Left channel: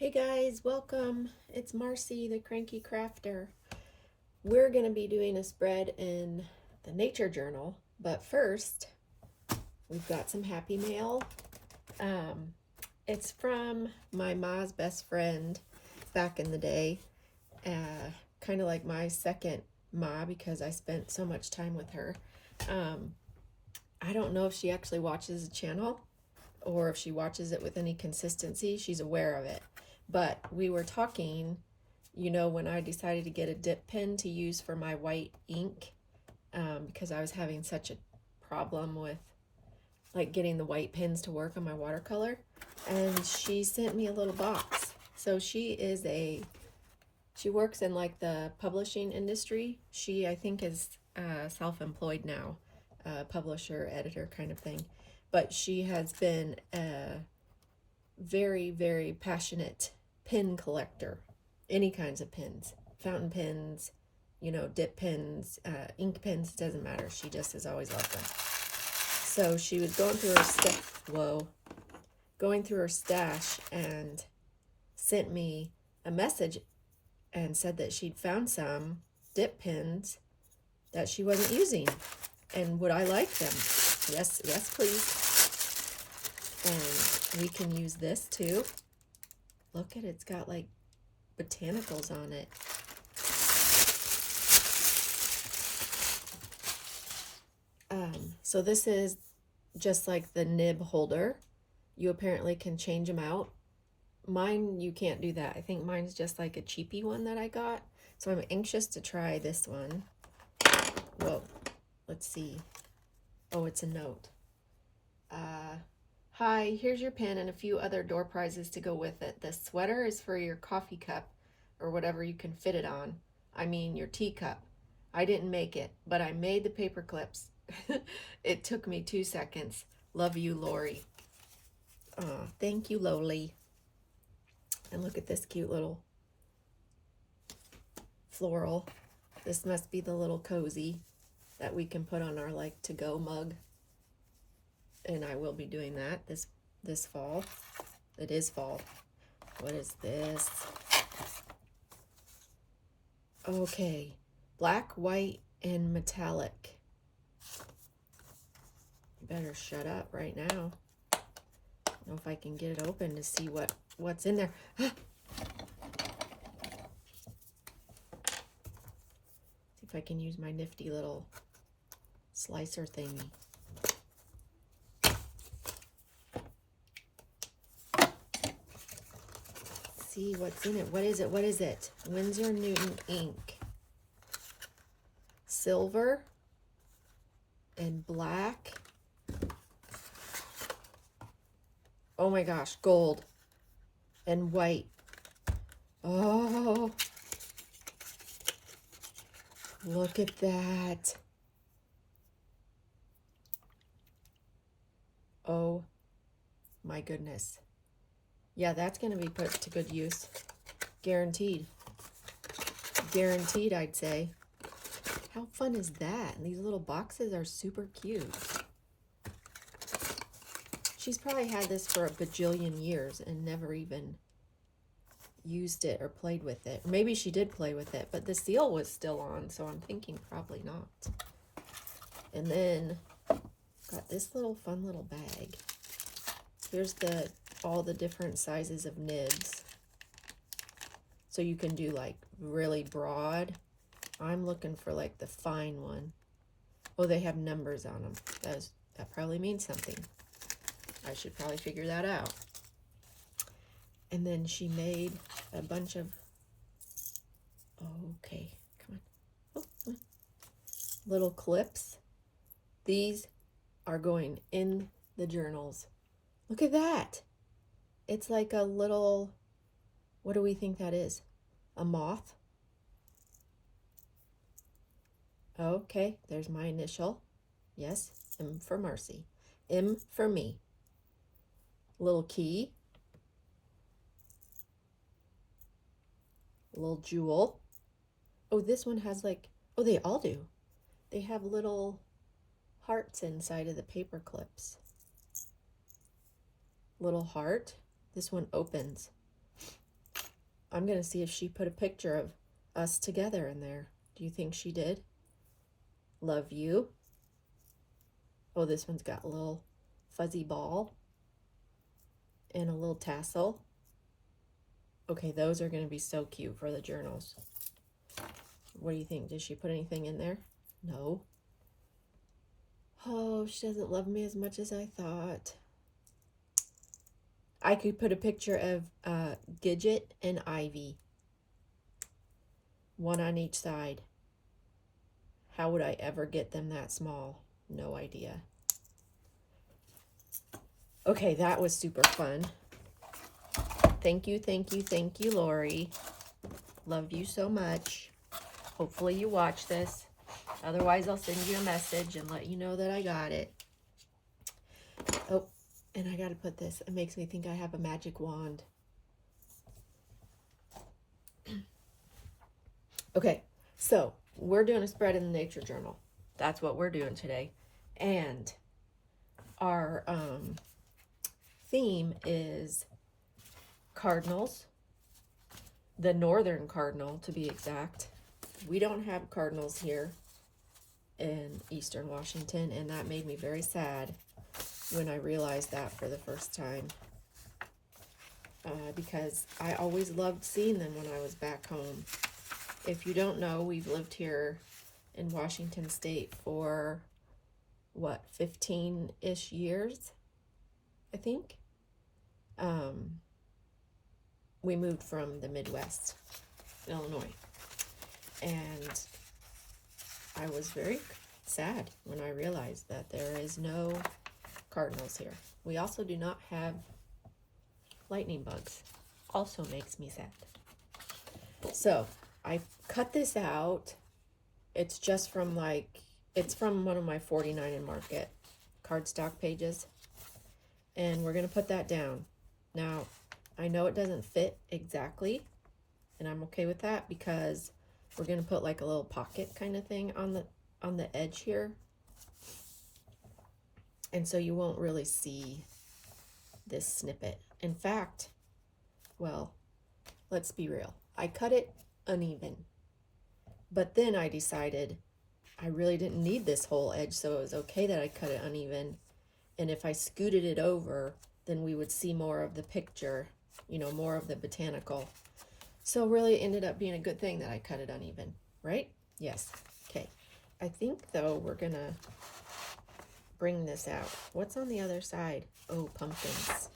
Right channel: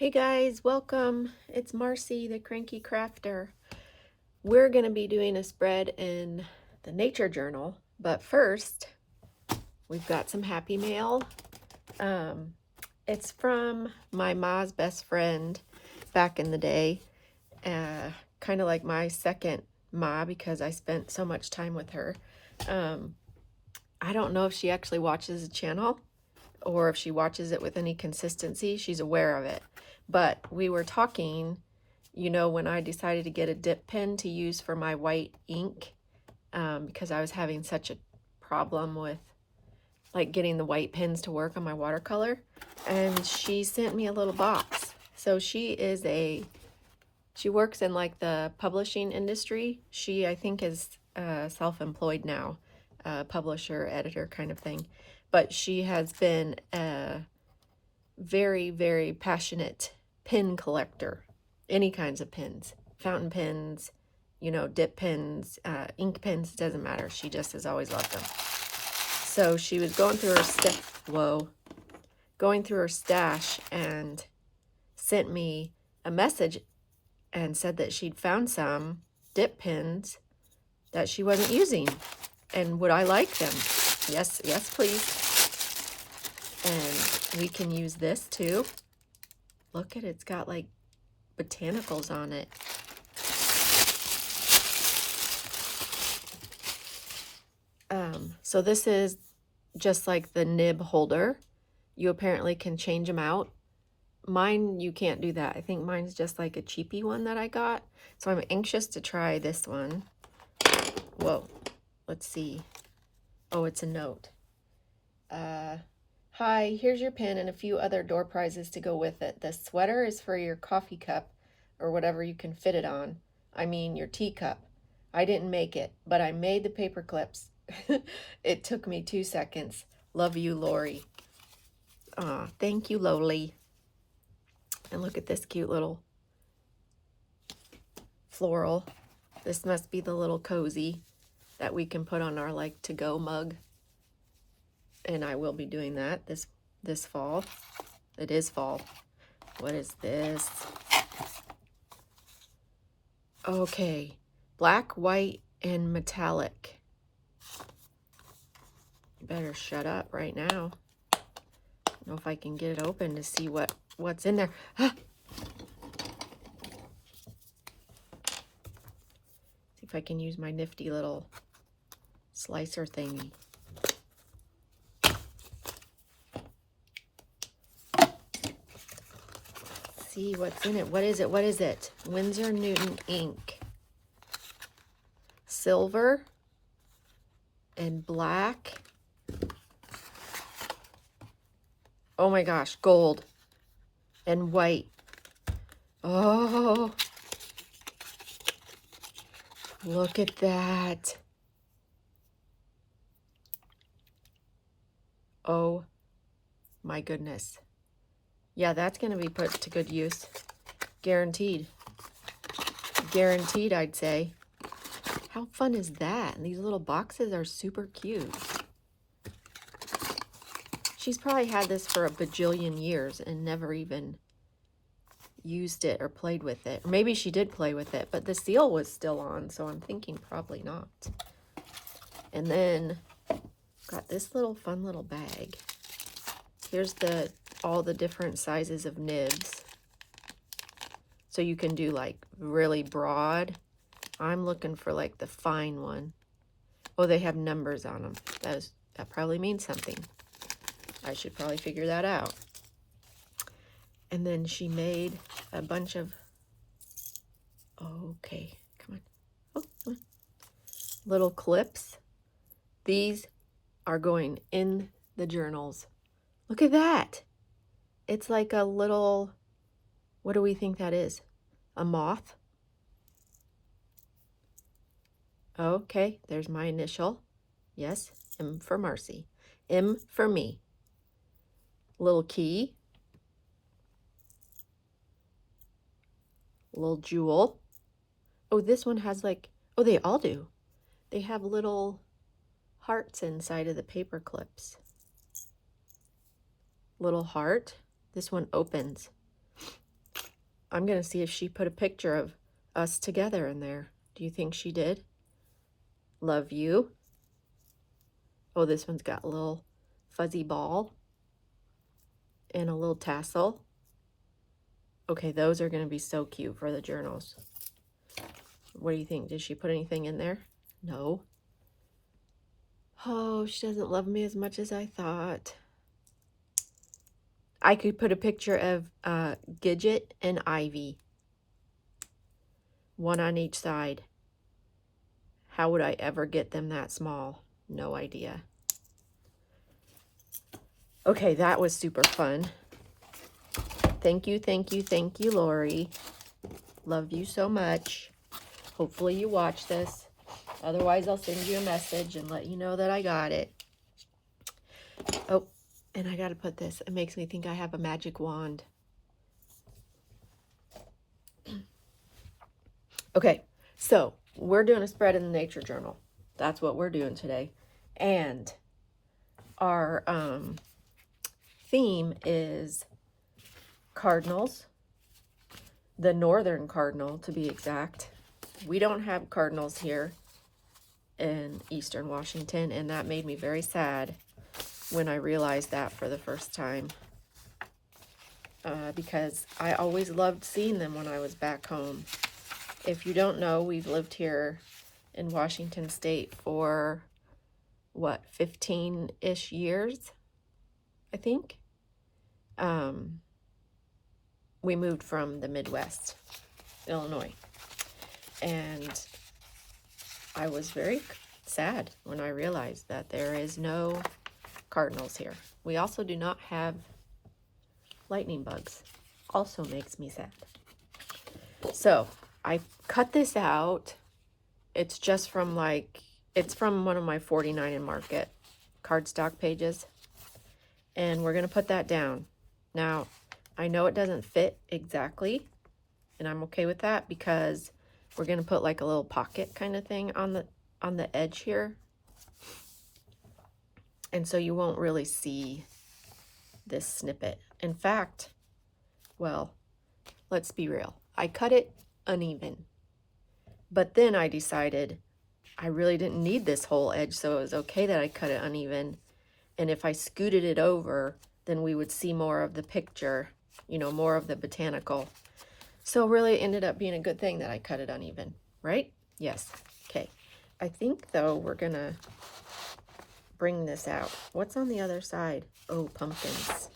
Hey guys, welcome. It's Marcy, the Cranky Crafter. We're going to be doing a spread in the Nature Journal, but first, we've got some happy mail. It's from my ma's best friend back in the day, kind of like my second ma because I spent so much time with her. I don't know if she actually watches the channel or if she watches it with any consistency. She's aware of it. But we were talking, when I decided to get a dip pen to use for my white ink, because I was having such a problem with like getting the white pens to work on my watercolor. And she sent me a little box. So she works in like the publishing industry. She, I think, is self-employed now, publisher, editor kind of thing. But she has been a very, very passionate pen collector. Any kinds of pens, fountain pens, dip pens, ink pens, doesn't matter. She just has always loved them. So she was going through her stash and sent me a message and said that she'd found some dip pens that she wasn't using and would I like them? Yes, please. And we can use this too. Look at it, it's got like botanicals on it. So this is just like the nib holder. You apparently can change them out. Mine, you can't do that. I think mine's just like a cheapy one that I got. So I'm anxious to try this one. Whoa, let's see. Oh, it's a note. Hi, here's your pen and a few other door prizes to go with it. The sweater is for your coffee cup or whatever you can fit it on. I mean your teacup. I didn't make it, but I made the paper clips. It took me 2 seconds. Love you, Lori. Thank you, Loli. And look at this cute little floral. This must be the little cozy that we can put on our like to-go mug. And I will be doing that this fall. It is fall. What is this? Okay, black, white, and metallic. Better shut up right now. I don't know if I can get it open to see what's in there. Ah! See if I can use my nifty little slicer thingy. See what's in it. What is it? What is it? Winsor Newton ink. Silver and black. Oh my gosh, gold and white. Oh, look at that. Oh my goodness. Yeah, that's going to be put to good use. Guaranteed. Guaranteed, I'd say. How fun is that? And these little boxes are super cute. She's probably had this for a bajillion years and never even used it or played with it. Or maybe she did play with it, but the seal was still on, so I'm thinking probably not. And then got this little fun little bag. Here's all the different sizes of nibs. So you can do like really broad. I'm looking for like the fine one. Oh, they have numbers on them. That probably means something. I should probably figure that out. And then she made a bunch of, okay, come on. Little clips. These are going in the journals. Look at that. It's like a little, what do we think that is? A moth? Okay, there's my initial. Yes, M for Marcy. M for me. Little key. Little jewel. Oh, this one has like, oh, they all do. They have little hearts inside of the paper clips. Little heart. This one opens. I'm going to see if she put a picture of us together in there. Do you think she did? Love you. Oh, this one's got a little fuzzy ball and a little tassel. Okay, those are going to be so cute for the journals. What do you think? Did she put anything in there? No. Oh, she doesn't love me as much as I thought. I could put a picture of Gidget and Ivy. One on each side. How would I ever get them that small? No idea. Okay, that was super fun. Thank you, Lori. Love you so much. Hopefully you watch this. Otherwise, I'll send you a message and let you know that I got it. Oh, and I got to put this. It makes me think I have a magic wand. Okay, so we're doing a spread in the nature journal. That's what we're doing today. And our theme is cardinals, the northern cardinal to be exact. We don't have cardinals here in Eastern Washington, and that made me very sad when I realized that for the first time, because I always loved seeing them when I was back home. If you don't know, we've lived here in Washington State for, what, 15-ish years, I think. We moved from the Midwest, Illinois, and I was very sad when I realized that there is no cardinals here. We also do not have lightning bugs. Also makes me sad. So I cut this out. It's just from it's from one of my 49 and Market cardstock pages. And we're going to put that down. Now, I know it doesn't fit exactly, and I'm okay with that because we're going to put like a little pocket kind of thing on the edge here. And so you won't really see this snippet. In fact, well, let's be real. I cut it uneven. But then I decided I really didn't need this whole edge, so it was okay that I cut it uneven. And if I scooted it over, then we would see more of the picture, you know, more of the botanical. So really it ended up being a good thing that I cut it uneven, right? Yes. Okay. I think, though, we're going to bring this out. What's on the other side? Oh, pumpkins.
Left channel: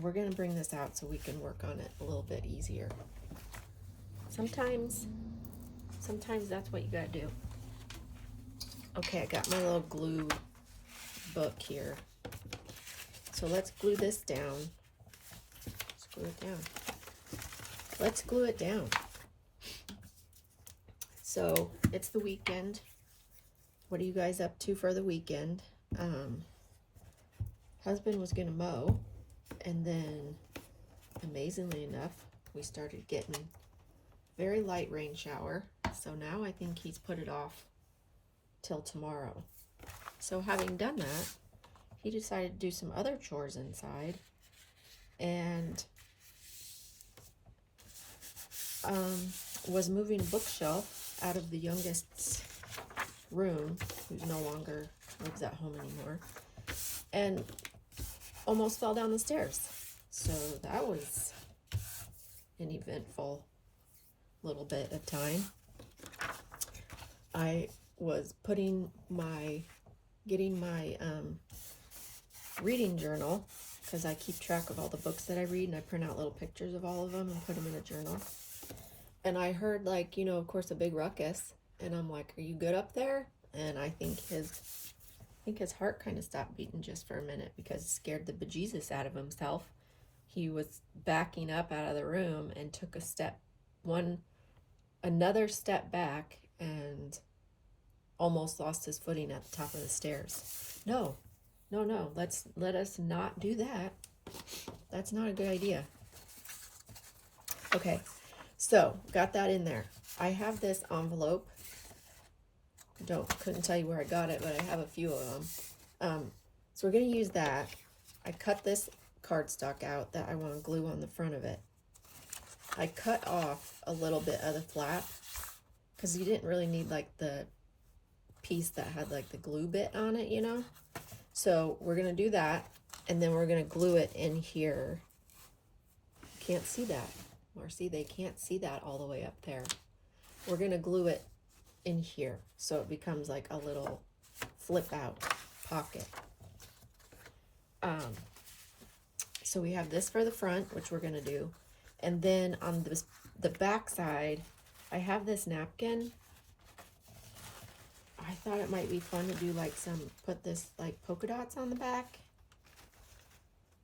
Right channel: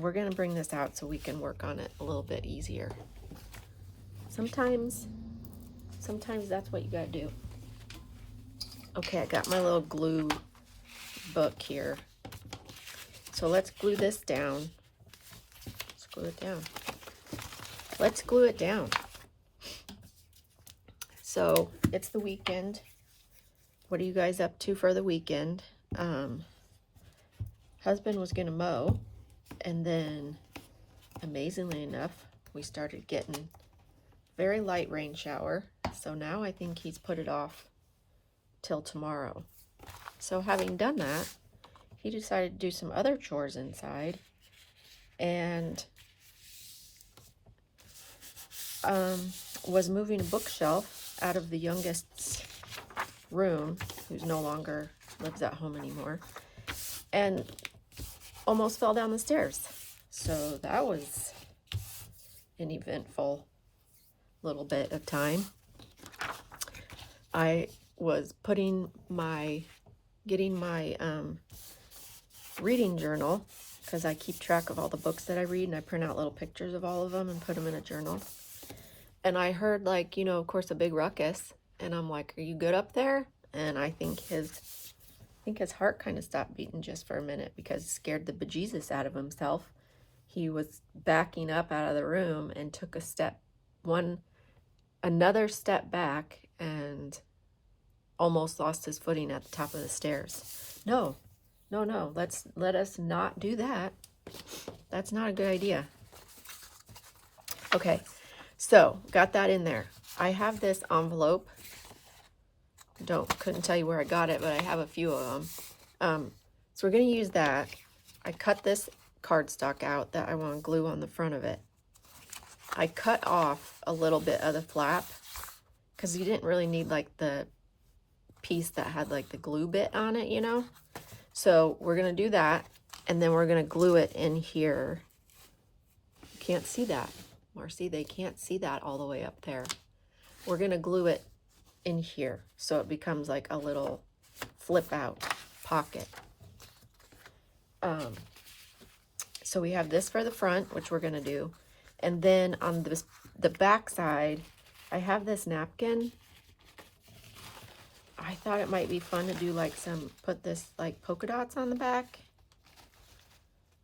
We're going to bring this out so we can work on it a little bit easier. Sometimes that's what you got to do. Okay, I got my little glue book here. So let's glue this down. Let's glue it down. Let's glue it down. So it's the weekend. What are you guys up to for the weekend? Husband was gonna mow, and then amazingly enough, we started getting very light rain shower. So now I think he's put it off till tomorrow. So having done that, he decided to do some other chores inside, and was moving a bookshelf out of the youngest's room, who's no longer lives at home anymore, and almost fell down the stairs. So that was an eventful little bit of time. I was getting my reading journal, because I keep track of all the books that I read, and I print out little pictures of all of them and put them in a journal. And I heard, like, you know, of course, a big ruckus, and I'm like, are you good up there? And I think his heart kind of stopped beating just for a minute, because it scared the bejesus out of himself. He was backing up out of the room and took another step back, and almost lost his footing at the top of the stairs. No, let us not do that. That's not a good idea. Okay, so got that in there. I have this envelope. Couldn't tell you where I got it, but I have a few of them. So we're gonna use that. I cut this cardstock out that I want to glue on the front of it. I cut off a little bit of the flap because you didn't really need like the piece that had like the glue bit on it, you know? So we're going to do that, and then we're going to glue it in here. You can't see that. Marcy, they can't see that all the way up there. We're going to glue it in here so it becomes like a little flip out pocket. So we have this for the front, which we're going to do. And then on the back side, I have this napkin. I thought it might be fun to do like put this like polka dots on the back.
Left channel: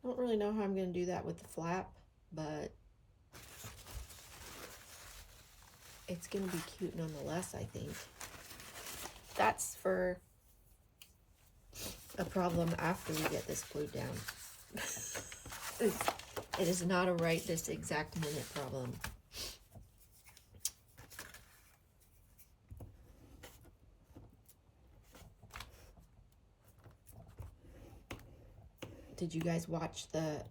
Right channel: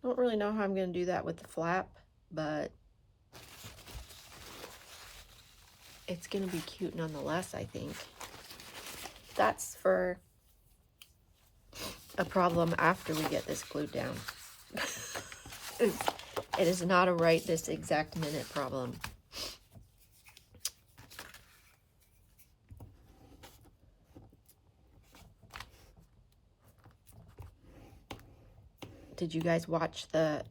I don't really know how I'm going to do that with the flap, but it's going to be cute nonetheless, I think. That's for a problem after we get this glued down. It is not a right this exact minute problem. Did you guys watch the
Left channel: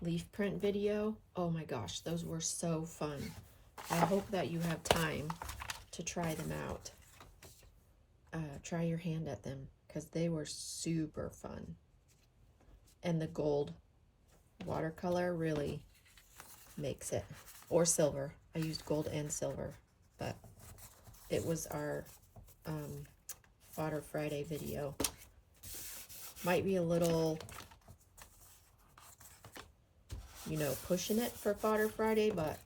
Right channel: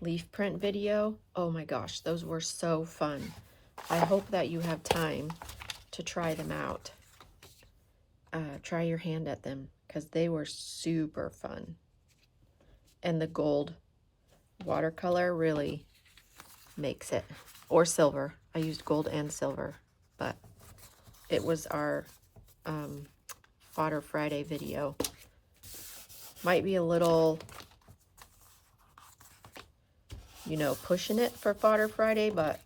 leaf print video? Oh my gosh, those were so fun. I hope that you have time to try them out. Try your hand at them because they were super fun. And the gold watercolor really makes it. Or silver. I used gold and silver, but it was our Fodder Friday video. Might be a little, you know, pushing it for Fodder Friday, but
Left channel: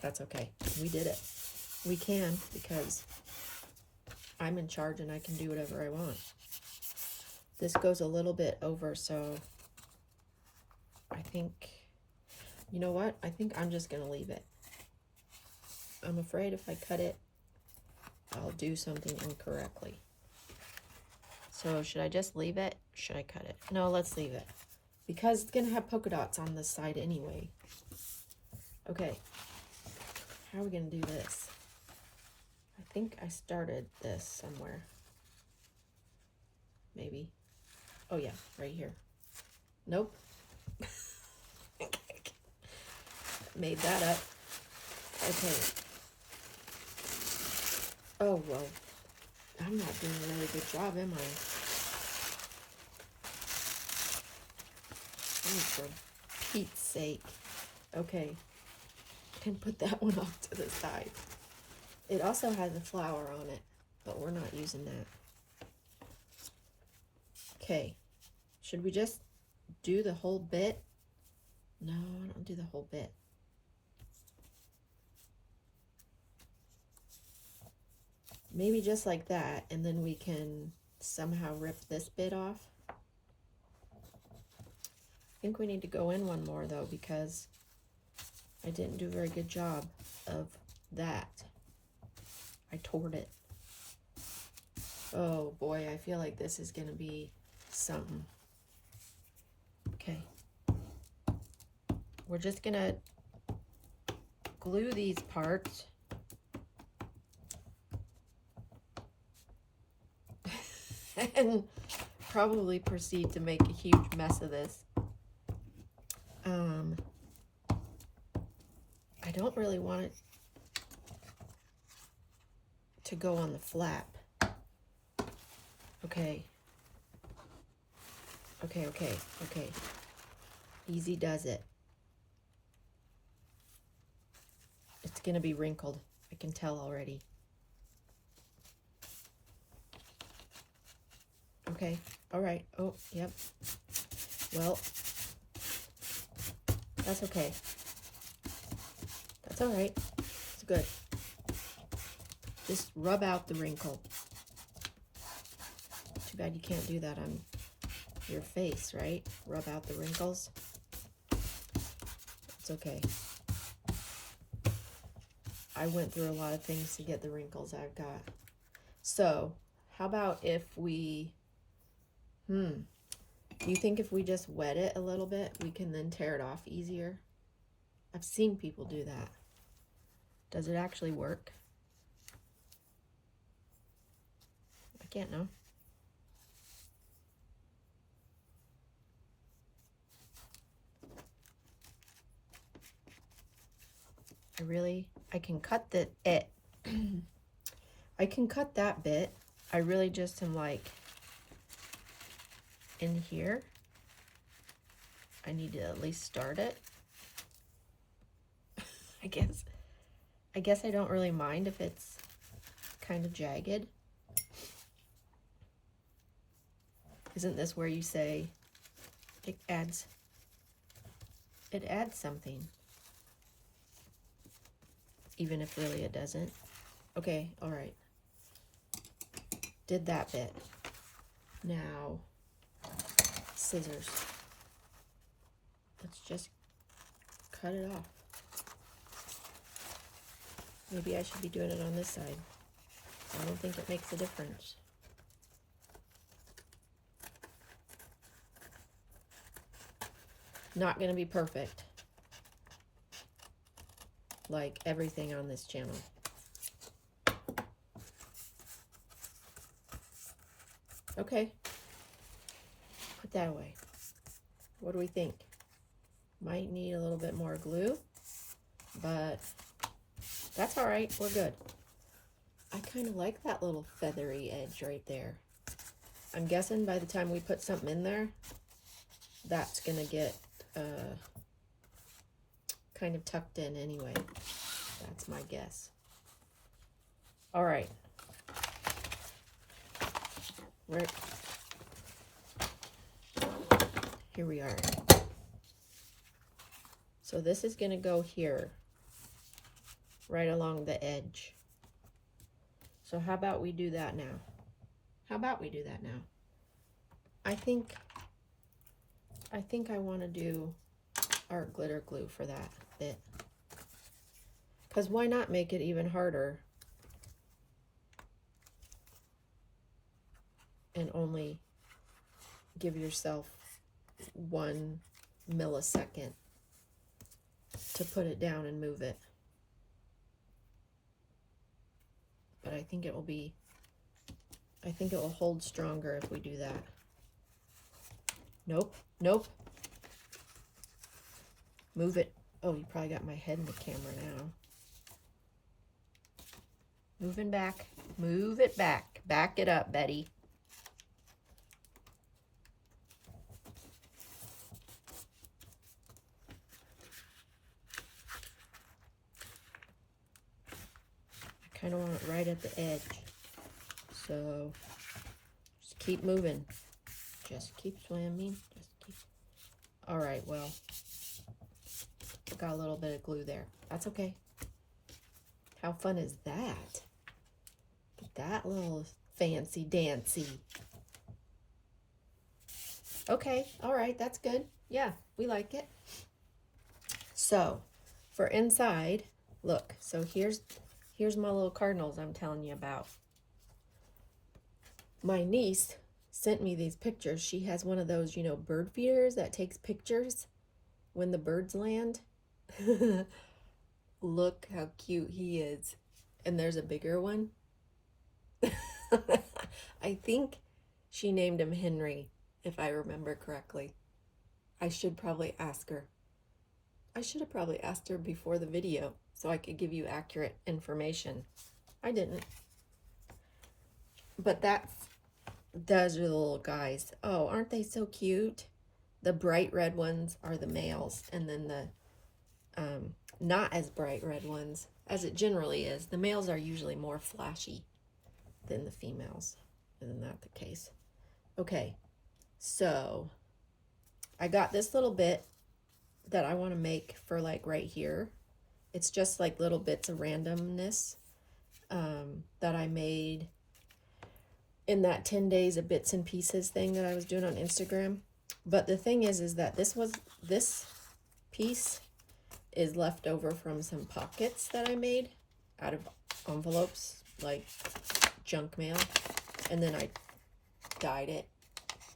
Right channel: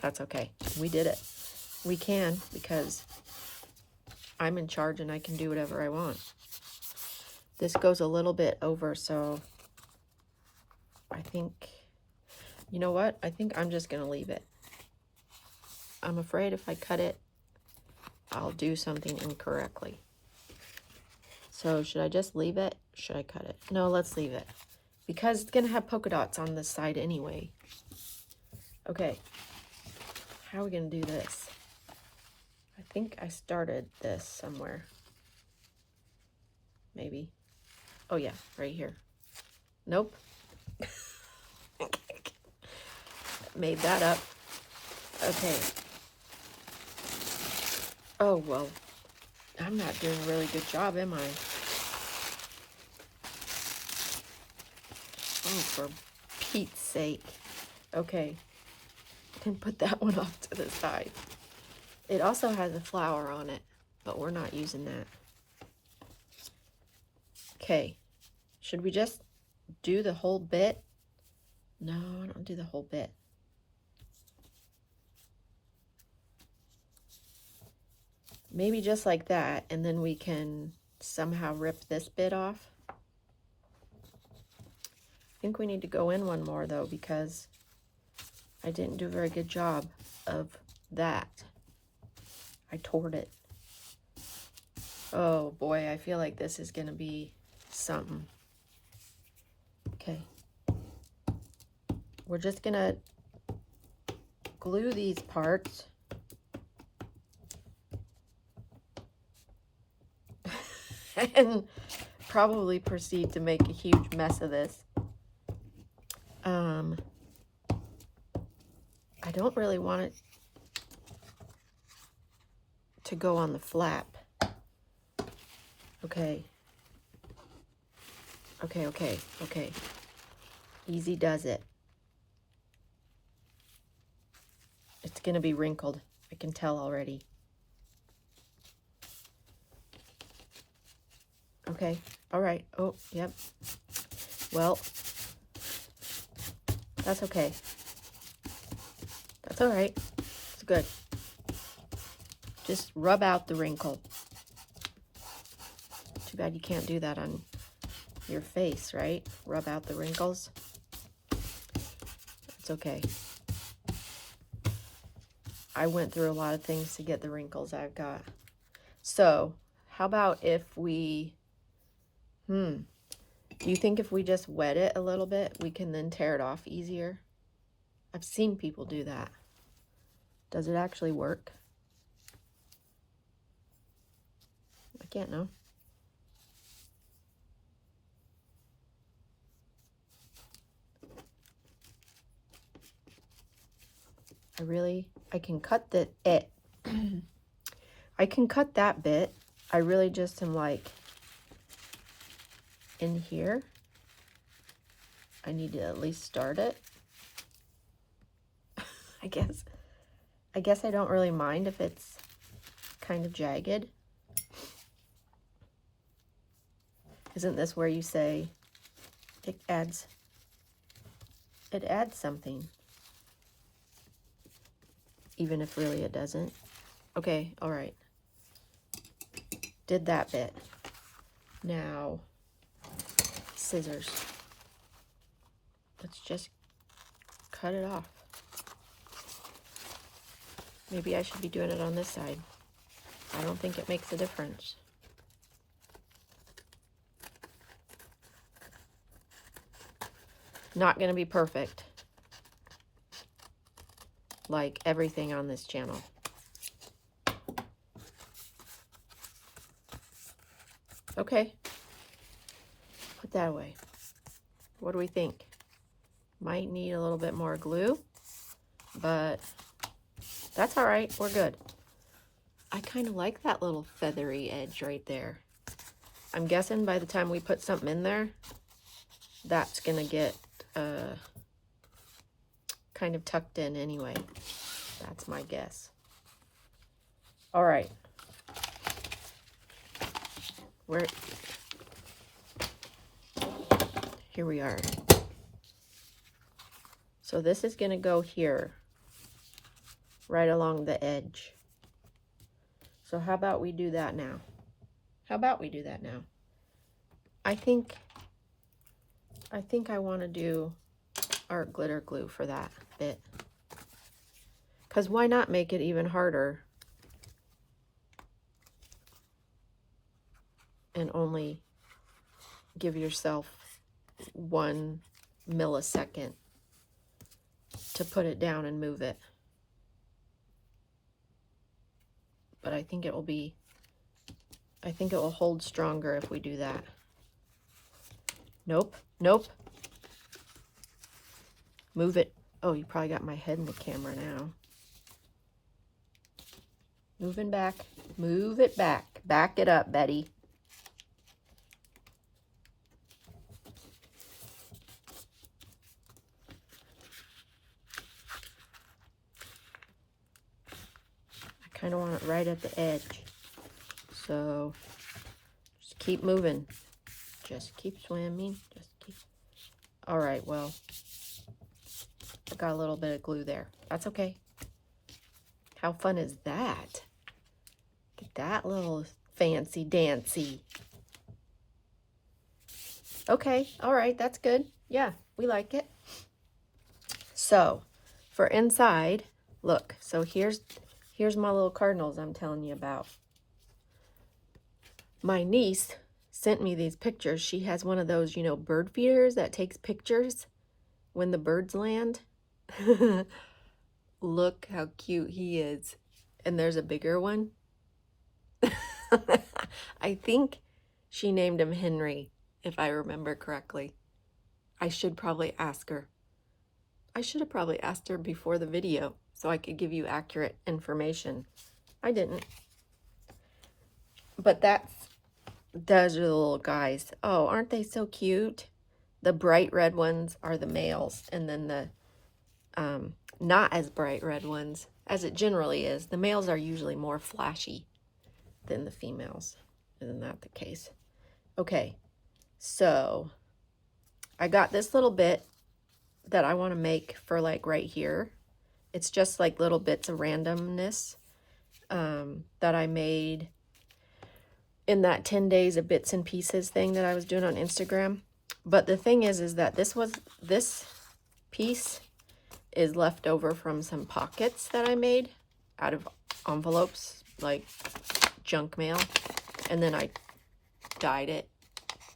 that's okay. We did it. We can, because I'm in charge and I can do whatever I want. This goes a little bit over, so I think, you know what? I think I'm just going to leave it. I'm afraid if I cut it, I'll do something incorrectly. So should I just leave it? Should I cut it? No, let's leave it. Because it's going to have polka dots on this side anyway. Okay. How are we going to do this? I think I started this somewhere. Maybe. Oh yeah, right here. Nope. Made that up. Okay. Oh, well. I'm not doing a really good job, am I? Oh, for Pete's sake. Okay. I can put that one off to the side. It also has a flower on it, but we're not using that. Okay. Should we just do the whole bit? No, I don't do the whole bit. Maybe just like that, and then we can somehow rip this bit off. I think we need to go in one more, though, because I didn't do a very good job of that. I tore it. Oh, boy, I feel like this is going to be something. Okay. We're just going to glue these parts. And probably proceed to make a huge mess of this. I don't really want it to go on the flap. Okay. Okay. Easy does it. It's gonna be wrinkled. I can tell already. Okay, all right. Oh, yep. Well, that's okay. That's all right. It's good. Just rub out the wrinkle. Too bad you can't do that on your face, right? Rub out the wrinkles. It's okay. I went through a lot of things to get the wrinkles I've got. So, how about if we... do you think if we just wet it a little bit, we can then tear it off easier? I've seen people do that. Does it actually work? I can't know. I can cut I can cut that bit. I really just am like, in here, I need to at least start it. I guess I don't really mind if it's kind of jagged. Isn't this where you say it adds something, even if really it doesn't? Okay, all right. Did that bit. Now, scissors. Let's just cut it off. Maybe I should be doing it on this side. I don't think it makes a difference. Not going to be perfect, like everything on this channel. Okay, put that away. What do we think? Might need a little bit more glue, but that's all right. We're good. I kind of like that little feathery edge right there. I'm guessing by the time we put something in there, that's going to get kind of tucked in anyway. That's my guess. All right. Here we are. So this is going to go here, right along the edge. So how about we do that now? I think I want to do art glitter glue for that bit. Because why not make it even harder and only give yourself 1 millisecond to put it down and move it. But I think it will hold stronger if we do that. Nope. Move it. Oh, you probably got my head in the camera now. Moving back. Move it back. Back it up, Betty. I kind of want it right at the edge. So just keep moving. Just keep swimming. All right, well, I got a little bit of glue there. That's okay. How fun is that? Get that little fancy dancy. Okay, all right, that's good. Yeah, we like it. So for inside, look, so here's my little cardinals I'm telling you about. My niece sent me these pictures. She has one of those, bird feeders that takes pictures when the birds land. Look how cute he is. And there's a bigger one. I think she named him Henry, if I remember correctly. I should probably ask her. I should have probably asked her before the video so I could give you accurate information. I didn't. But those are the little guys. Oh, aren't they so cute? The bright red ones are the males, and then the not as bright red ones, as it generally is. The males are usually more flashy than the females. Isn't that the case? Okay, so I got this little bit that I want to make for like right here. It's just like little bits of randomness that I made in that 10 days of bits and pieces thing that I was doing on Instagram. But the thing is that this piece is left over from some pockets that I made out of envelopes, like junk mail. And then I dyed it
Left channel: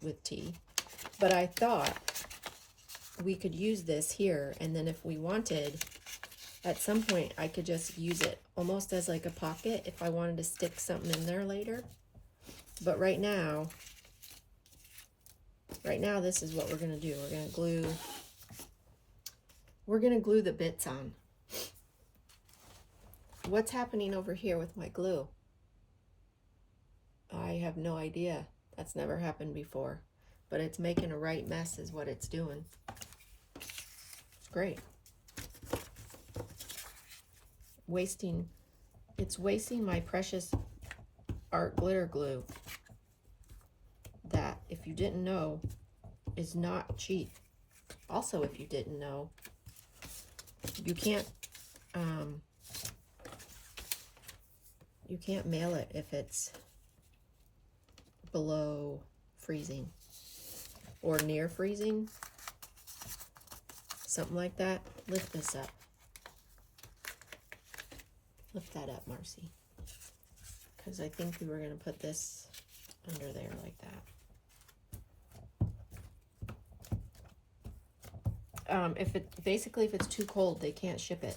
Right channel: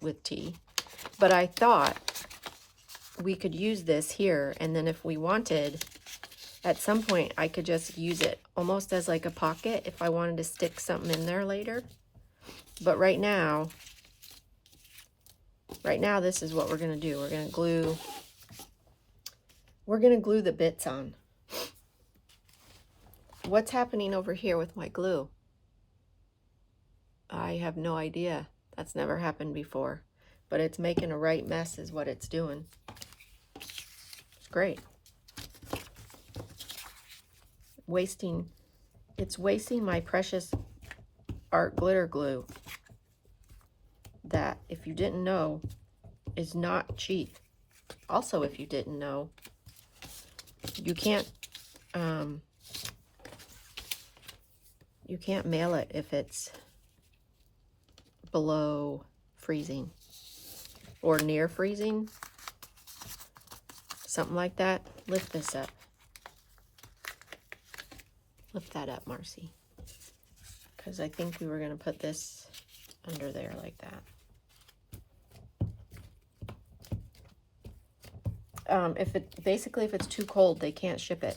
with tea. But I thought we could use this here, and then if we wanted, at some point I could just use it almost as like a pocket if I wanted to stick something in there later. But right now, this is what we're going to do. We're going to glue the bits on. What's happening over here with my glue? I have no idea. That's never happened before. But it's making a right mess is what it's doing. It's great. It's wasting my precious art glitter glue that, if you didn't know, is not cheap. Also, if you didn't know, you can't mail it if it's below freezing or near freezing, something like that. Lift this up. Lift that up, Marcy, because I think we were going to put this under there like that. If it's too cold, they can't ship it.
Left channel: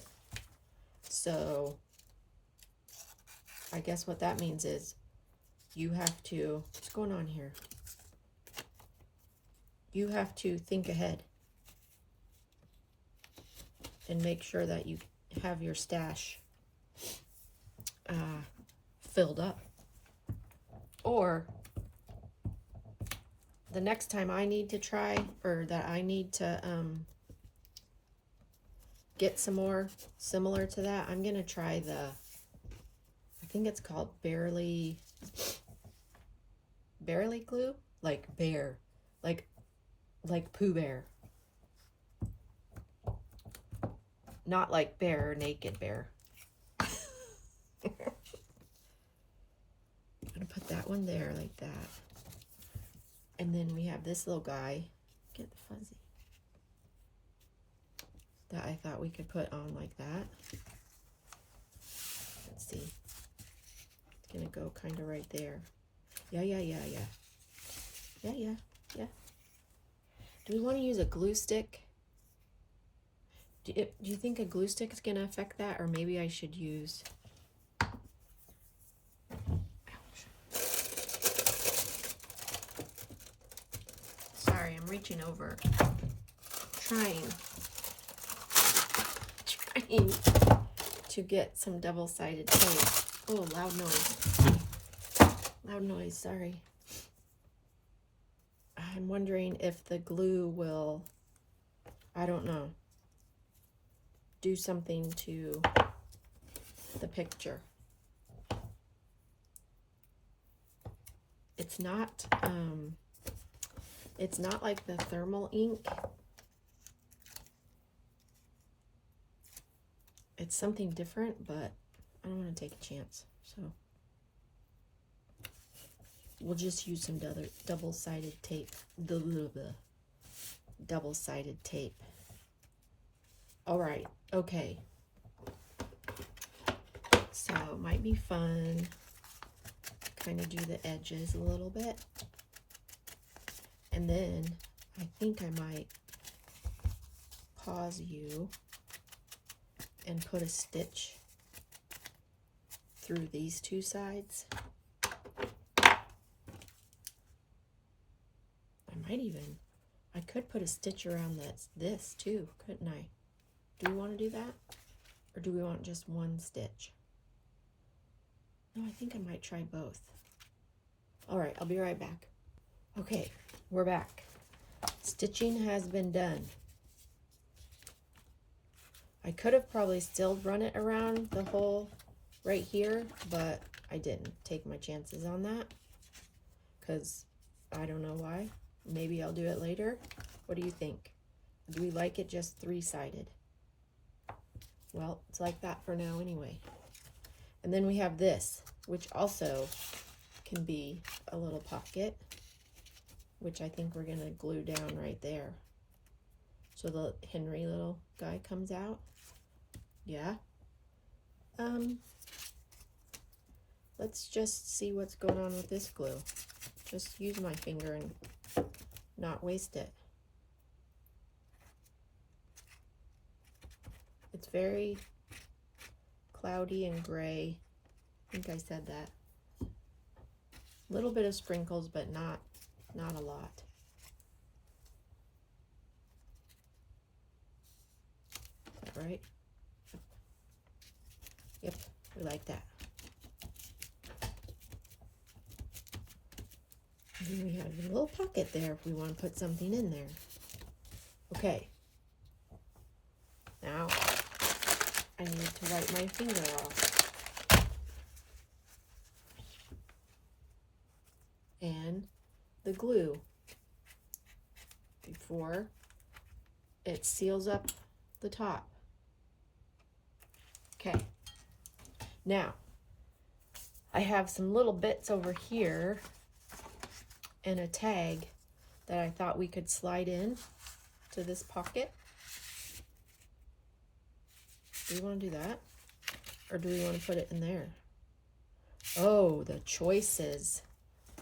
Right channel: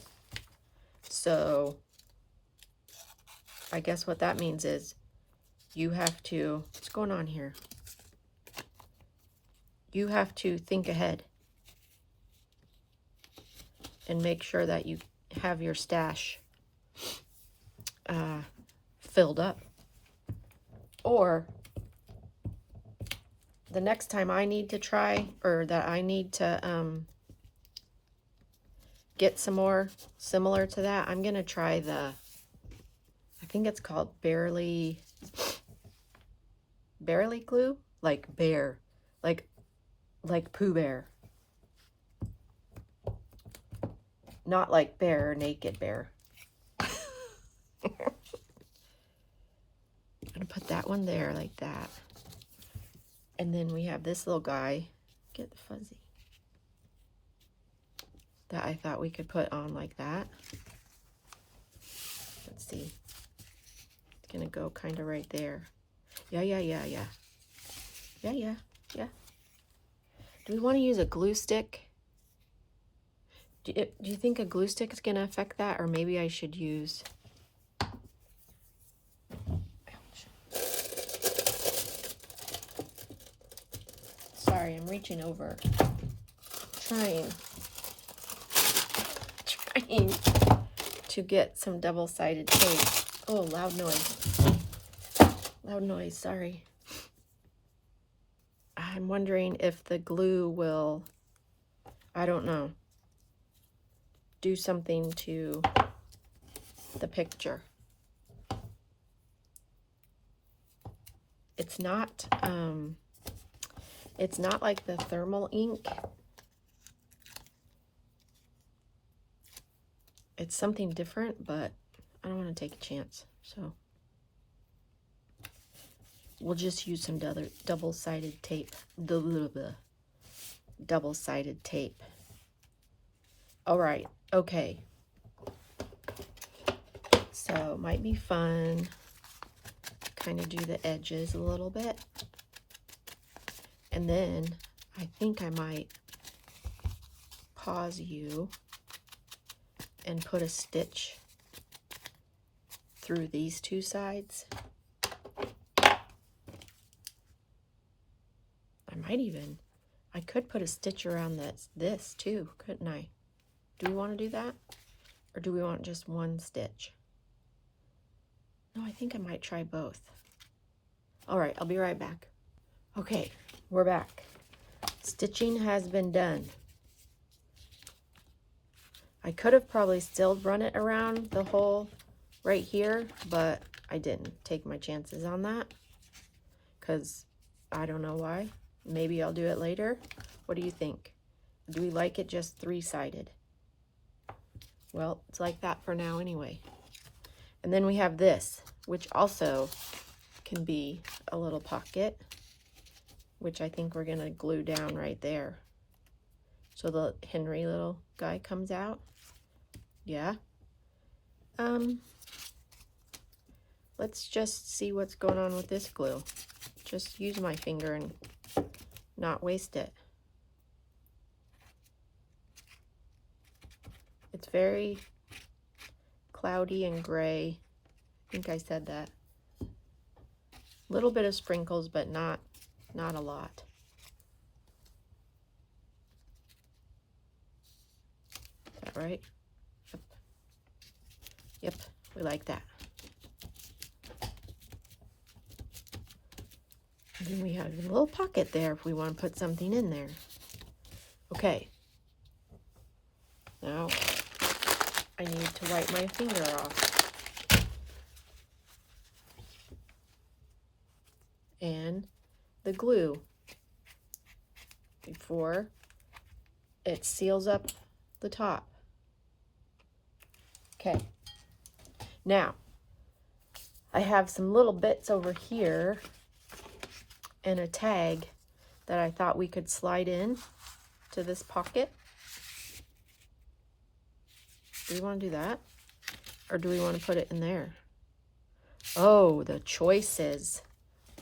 So I guess what that means is you have to, what's going on here? You have to think ahead and make sure that you have your stash filled up. Or the next time I need to try, or that I need to get some more similar to that, I'm gonna try the, I think it's called Bearly glue, like bear, like Pooh Bear, not like bear, naked bear. I'm gonna put that one there like that, and then we have this little guy. Get the fuzzy. That I thought we could put on like that. Let's see. It's gonna go kind of right there. Yeah. Do we want to use a glue stick? Do you think a glue stick is gonna affect that, or maybe I should use? Ouch. Sorry, I'm reaching over, trying to get some double-sided tape. Oh, loud noise. Loud noise, sorry. I'm wondering if the glue will, I don't know, do something to the picture. It's not like the thermal ink. It's something different, but I don't want to take a chance, so we'll just use some double-sided tape. Double-sided tape. All right, okay. So it might be fun to kind of do the edges a little bit. And then I think I might pause you and put a stitch through these two sides. I could put a stitch around this too, couldn't I? Do we want to do that? Or do we want just one stitch? No, I think I might try both. All right, I'll be right back. Okay, we're back. Stitching has been done. I could have probably still run it around the hole right here, but I didn't take my chances on that because I don't know why. Maybe I'll do it later. What do you think? Do we like it just three-sided? Well, it's like that for now anyway. And then we have this, which also can be a little pocket, which I think we're gonna glue down right there. So the Henry little guy comes out. Yeah. Let's just see what's going on with this glue. Just use my finger and not waste it. It's very cloudy and gray. I think I said that. A little bit of sprinkles, but not a lot. Is that right? Yep. We like that. And then we have a little pocket there if we want to put something in there. Okay. Now, I need to wipe my finger off. And the glue before it seals up the top. Okay. Now, I have some little bits over here and a tag that I thought we could slide in to this pocket. Do we want to do that? Or do we want to put it in there? Oh, the choices.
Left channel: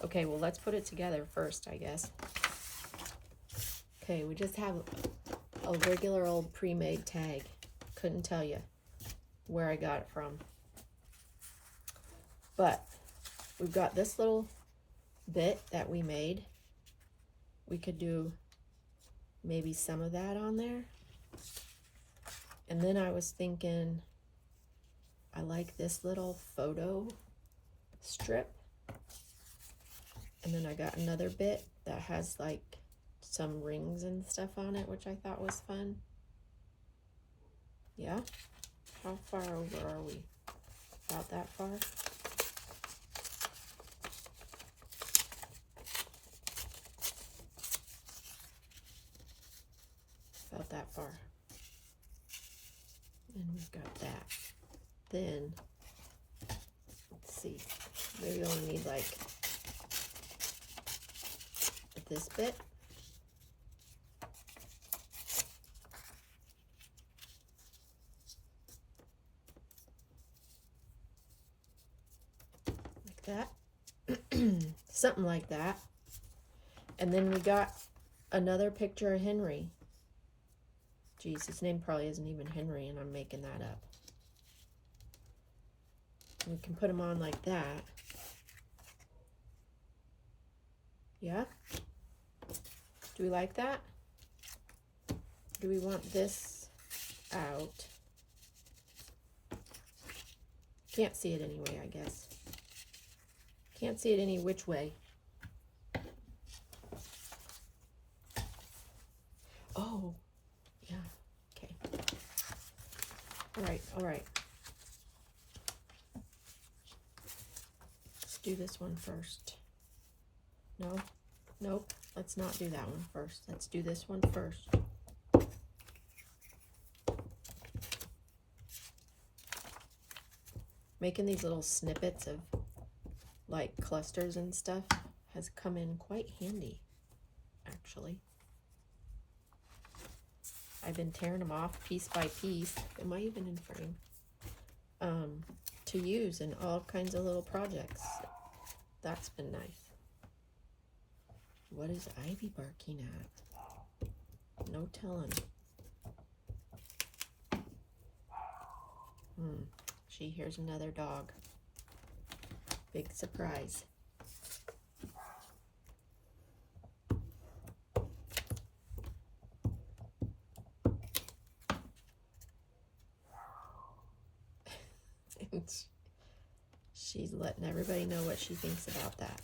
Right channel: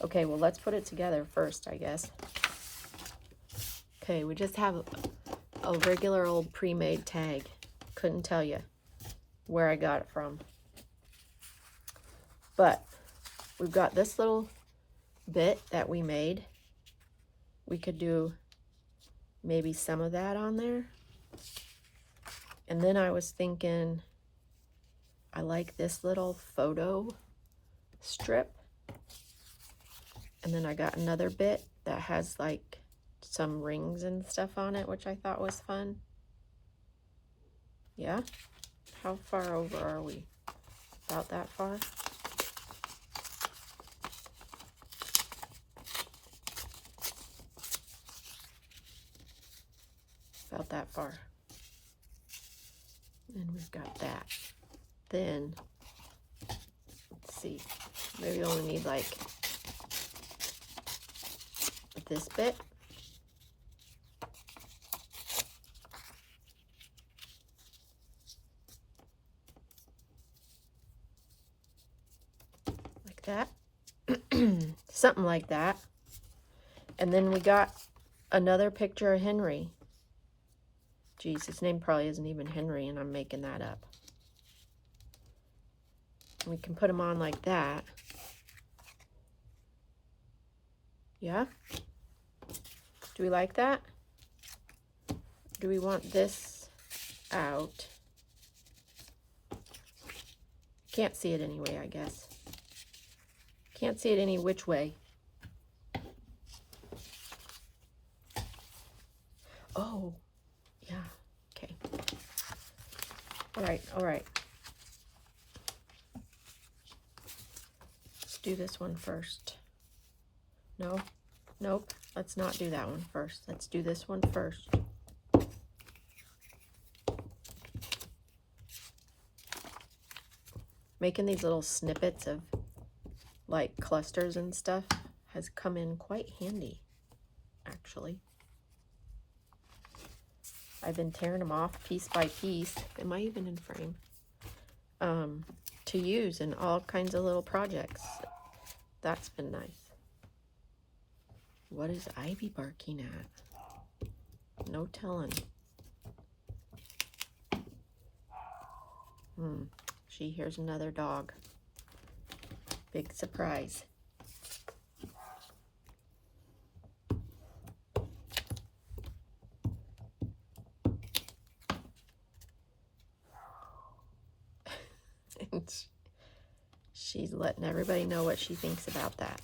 Okay, well, let's put it together first, I guess. Okay, we just have a regular old pre-made tag. Couldn't tell you where I got it from. But we've got this little bit that we made. We could do maybe some of that on there. And then I was thinking, I like this little photo strip. And then I got another bit that has like some rings and stuff on it, which I thought was fun. Yeah? How far over are we? About that far? About that far. And we've got that. Then, let's see, maybe we only need like this bit. Like that. Something like that. And then we got another picture of Henry. Geez, his name probably isn't even Henry, and I'm making that up. We can put him on like that. Yeah? Do we like that? Do we want this out? Can't see it anyway, I guess. Can't see it any which way. Oh, yeah, okay. All right. Let's do this one first. No, nope, let's not do that one first. Let's do this one first. Making these little snippets of like clusters and stuff has come in quite handy, actually. I've been tearing them off piece by piece. Am I even in frame? To use in all kinds of little projects. That's been nice. What is Ivy barking at? No telling. She hears another dog. Big surprise. She's letting everybody know what she thinks about that.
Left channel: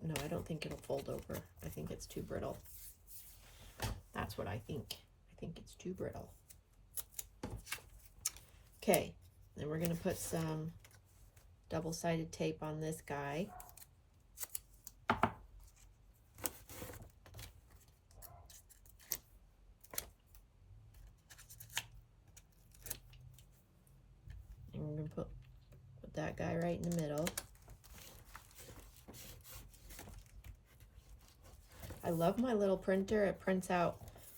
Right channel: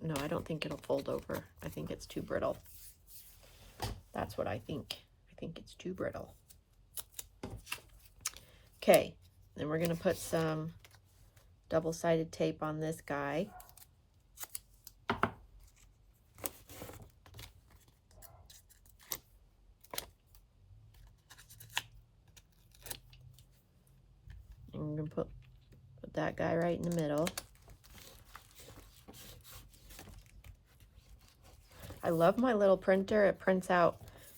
No, I don't think it'll fold over. I think it's too brittle. That's what I think. I think it's too brittle. Okay, then we're gonna put some double-sided tape on this guy. And we're gonna put that guy right in the middle. I love my little printer. It prints out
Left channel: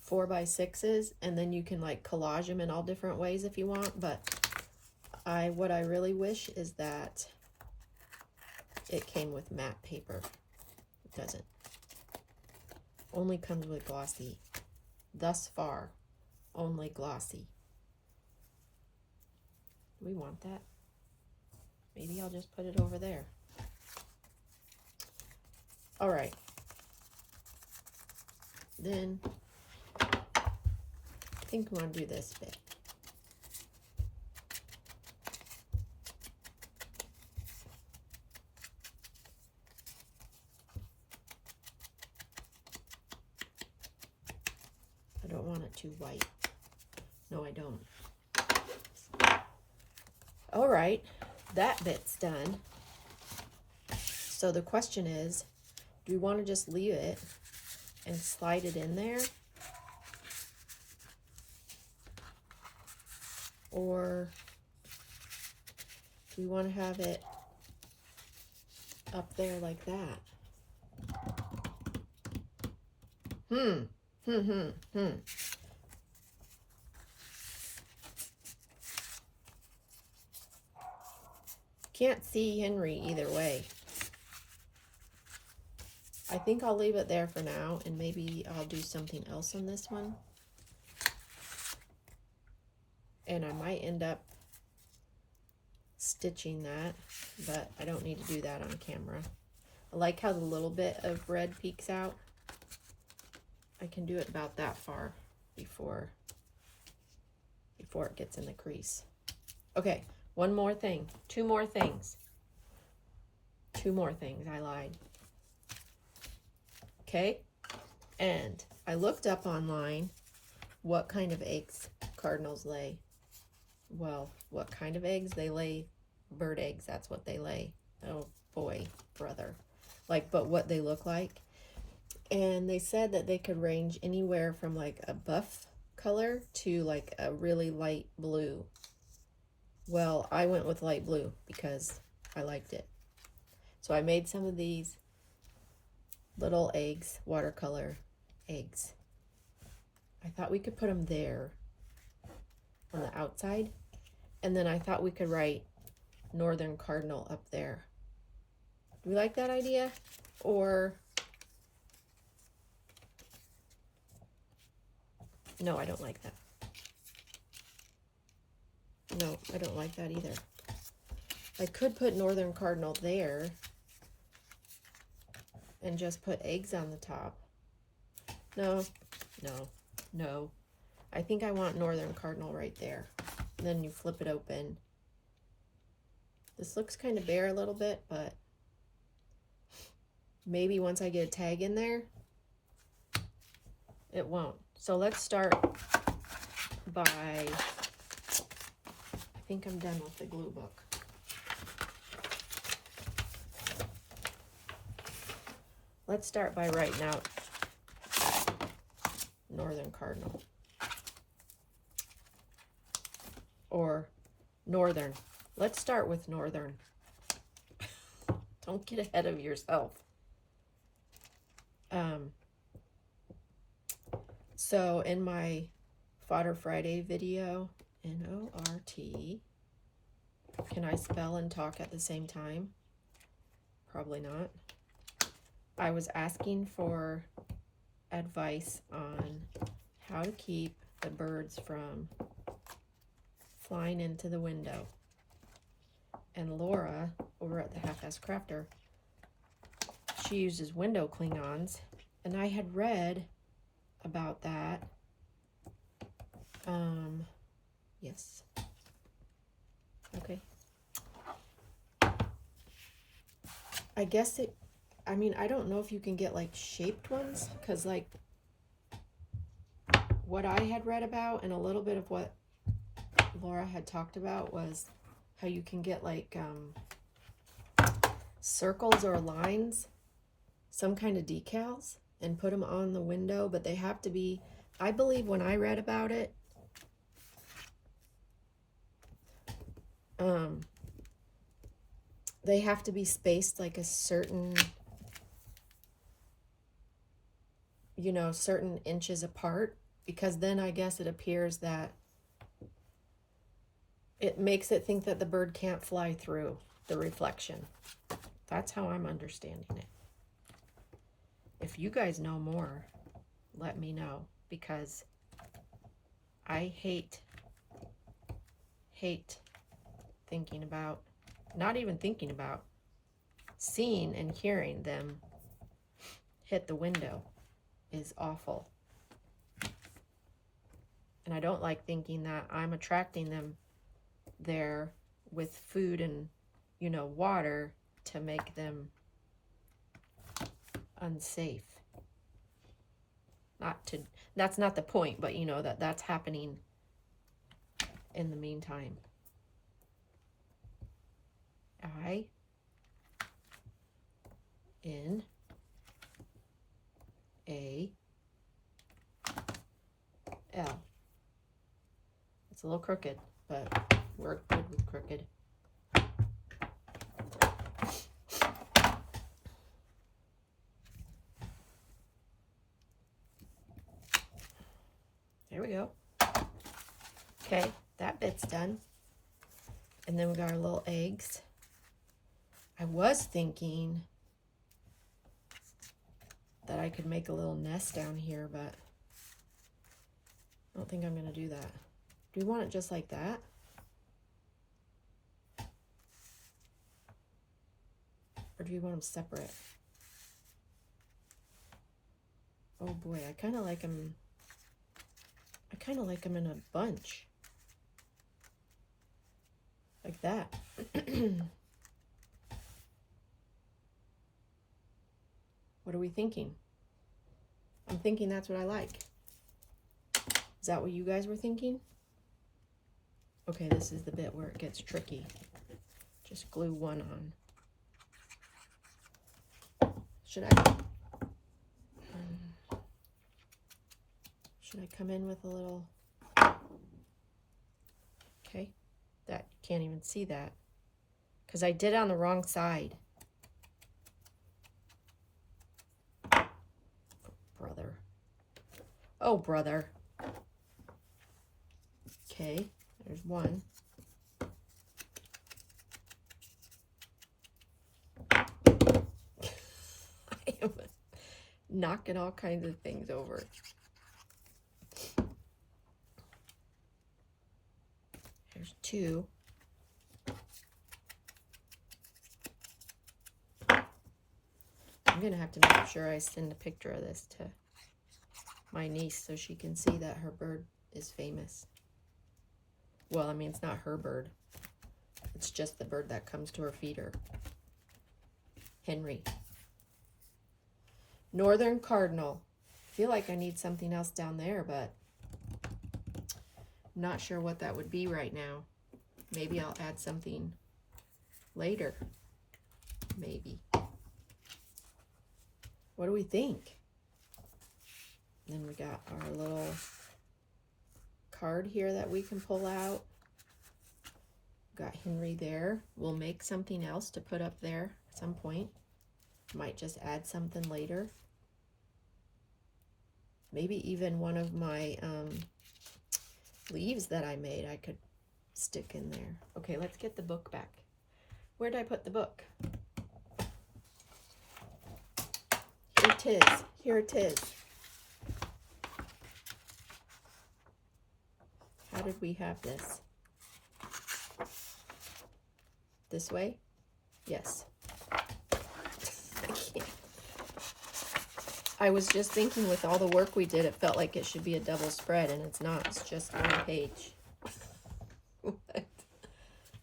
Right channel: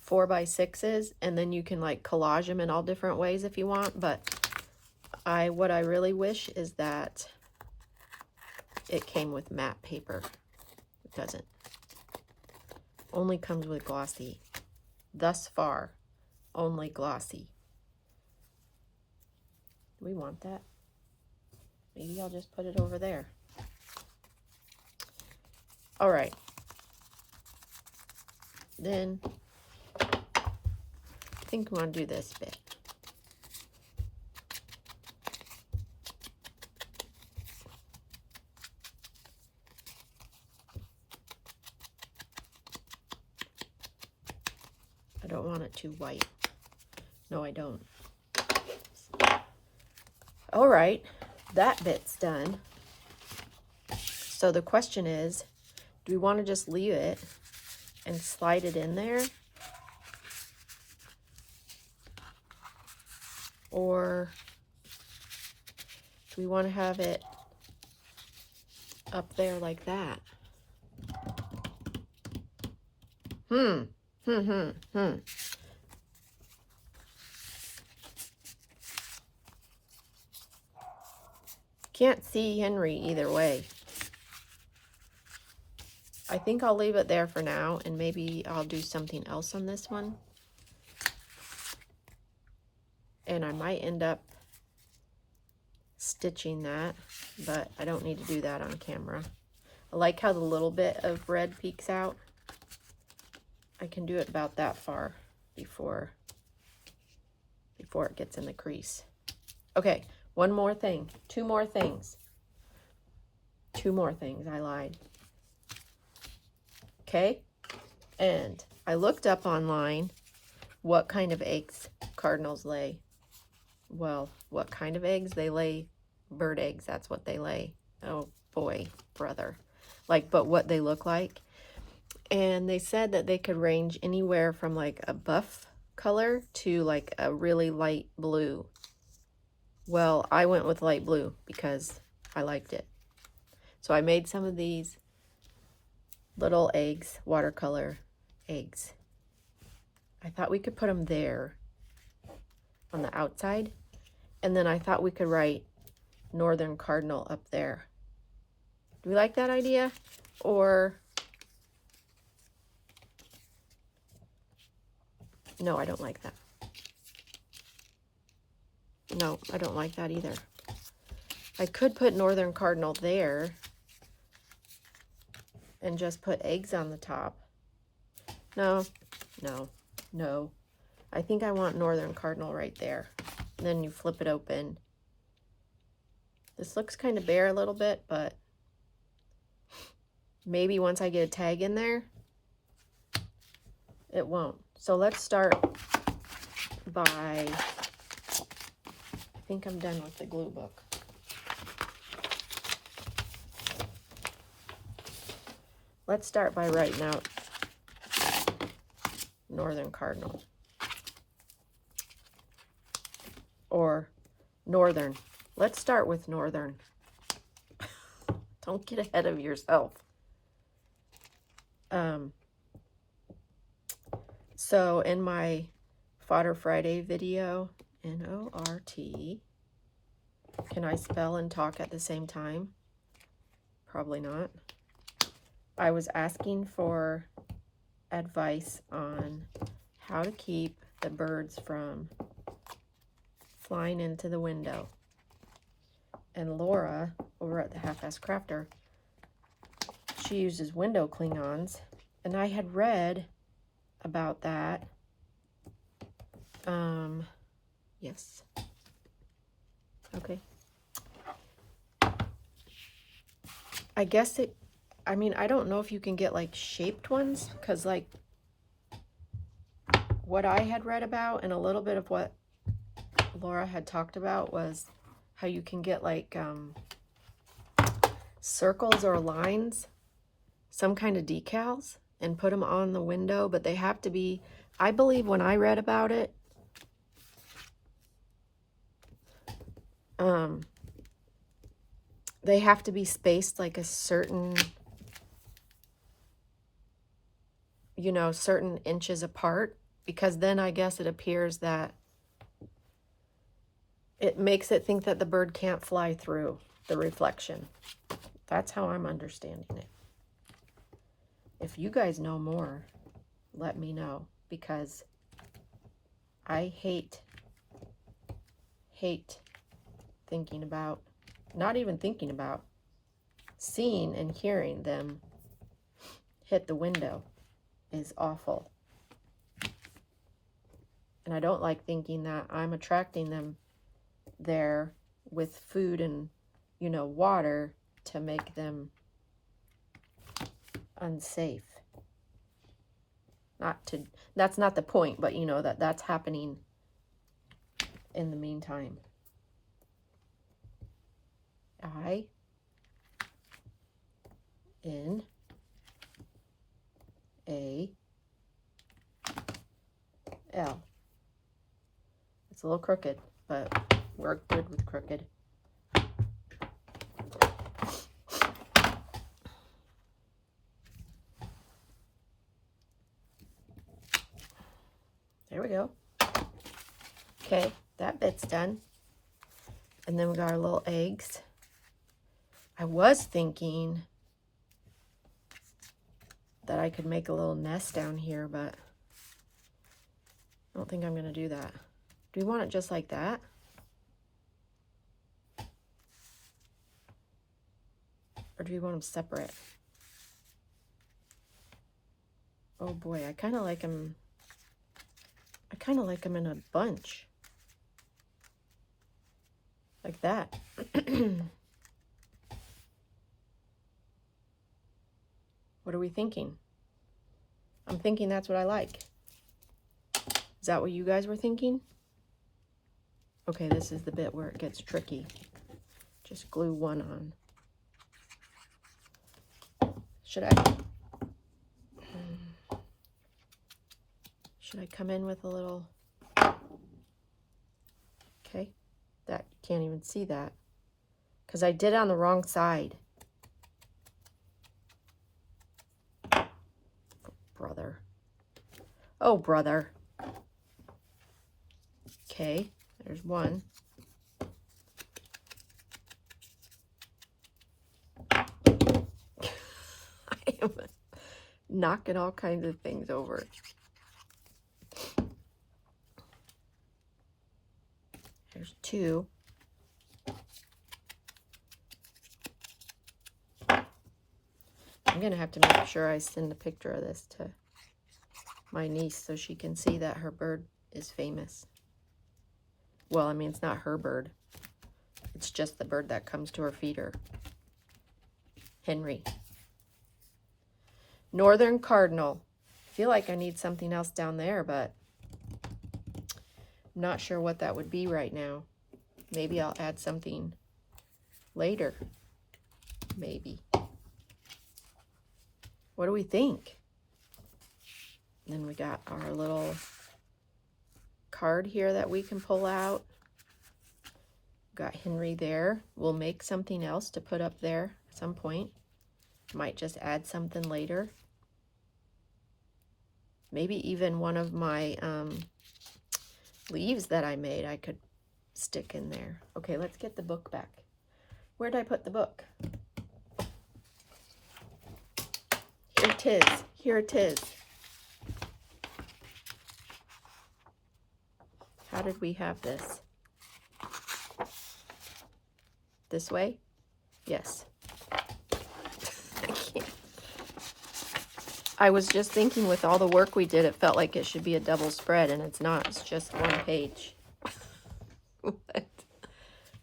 4x6s, and then you can like collage them in all different ways if you want. But what I really wish is that it came with matte paper. It doesn't. Only comes with glossy. Thus far, only glossy. Do we want that? Maybe I'll just put it over there. All right. Then think I'm going to do this bit. I don't want it too white. No, I don't. All right, that bit's done. So the question is, do we want to just leave it and slide it in there? Or do we want to have it up there like that? Can't see Henry either way. I think I'll leave it there for now, and maybe I'll do something else on this one. And I might end up stitching that, but I don't need to do that on camera. I like how the little bit of red peeks out. I can do it about that far before it gets in the crease. Okay, one more thing. Two more things. I lied. Okay, and I looked up online what kind of eggs cardinals lay. Well, what kind of eggs? They lay bird eggs. That's what they lay. Oh boy, brother. Like, but what they look like. And they said that they could range anywhere from like a buff color to like a really light blue. Well, I went with light blue because I liked it. So I made some of these little eggs, watercolor eggs. I thought we could put them there on the outside. And then I thought we could write Northern Cardinal up there. Do we like that idea? Or no, I don't like that. No, I don't like that either. I could put Northern Cardinal there and just put eggs on the top. No. I think I want Northern Cardinal right there. And then you flip it open. This looks kind of bare a little bit, but maybe once I get a tag in there, it won't. So let's start by, I think I'm done with the glue book. Let's start by writing out Northern Cardinal. Or Northern. Let's start with Northern. Don't get ahead of yourself. So in my Fodder Friday video, N-O-R-T, can I spell and talk at the same time? Probably not. I was asking for advice on how to keep the birds from flying into the window. And Laura, over at the Half-Assed Crafter, she uses window Klingons. And I had read about that. Yes. Okay. I guess it, I mean, I don't know if you can get like shaped ones, because like what I had read about and a little bit of what Laura had talked about was how you can get like circles or lines, some kind of decals, and put them on the window, but they have to be, I believe when I read about it, they have to be spaced like a certain, you know, certain inches apart, because then I guess it appears that it makes it think that the bird can't fly through the reflection. That's how I'm understanding it. If you guys know more, let me know, because I hate thinking about, not even thinking about, seeing and hearing them hit the window is awful. And I don't like thinking that I'm attracting them there with food and, you know, water to make them unsafe. That's not the point, but you know, that's happening in the meantime. I N A L. It's a little crooked, but we're good with crooked. There we go. Okay, that bit's done. And then we got our little eggs. I was thinking that I could make a little nest down here, but I don't think I'm going to do that. Do you want it just like that? Or do you want them separate? Oh boy, I kind of like them. I kind of like them in a bunch. Like that. What are we thinking? I'm thinking that's what I like. Is that what you guys were thinking? Okay, this is the bit where it gets tricky. Just glue one on. Should I come in with a little... Okay, that, you can't even see that. Because I did it on the wrong side. Brother. Oh, brother. Okay, there's one. I am knocking all kinds of things over. There's two. I'm going to have to make sure I send a picture of this to my niece so she can see that her bird is famous. Well, I mean, it's not her bird. It's just the bird that comes to her feeder. Henry. Northern Cardinal. I feel like I need something else down there, but I'm not sure what that would be right now. Maybe I'll add something later. Maybe. What do we think? Then we got our little card here that we can pull out. Got Henry there. We'll make something else to put up there at some point. Might just add something later. Maybe even one of my leaves that I made I could stick in there. Okay, let's get the book back. Where did I put the book? Here it is. Here it is. How did we have this? This way? Yes. I was just thinking with all the work we did, it felt like it should be a double spread, and it's not. It's just one page.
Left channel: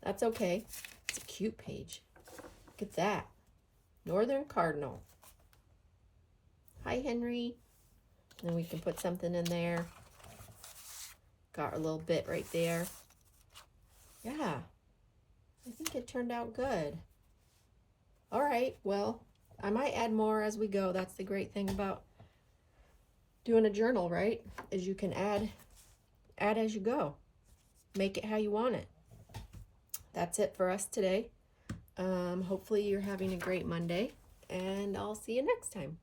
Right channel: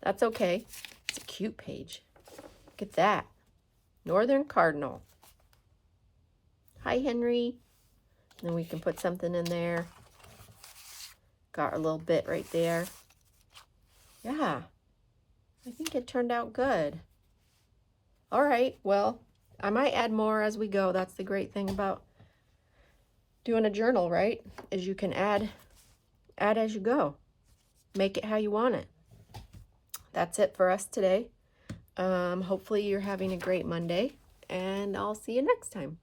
That's okay. It's a cute page. Look at that. Northern Cardinal. Hi, Henry. And then we can put something in there. Got a little bit right there. Yeah. I think it turned out good. All right. Well, I might add more as we go. That's the great thing about doing a journal, right? Is you can add as you go. Make it how you want it. That's it for us today. Hopefully you're having a great Monday, and I'll see you next time.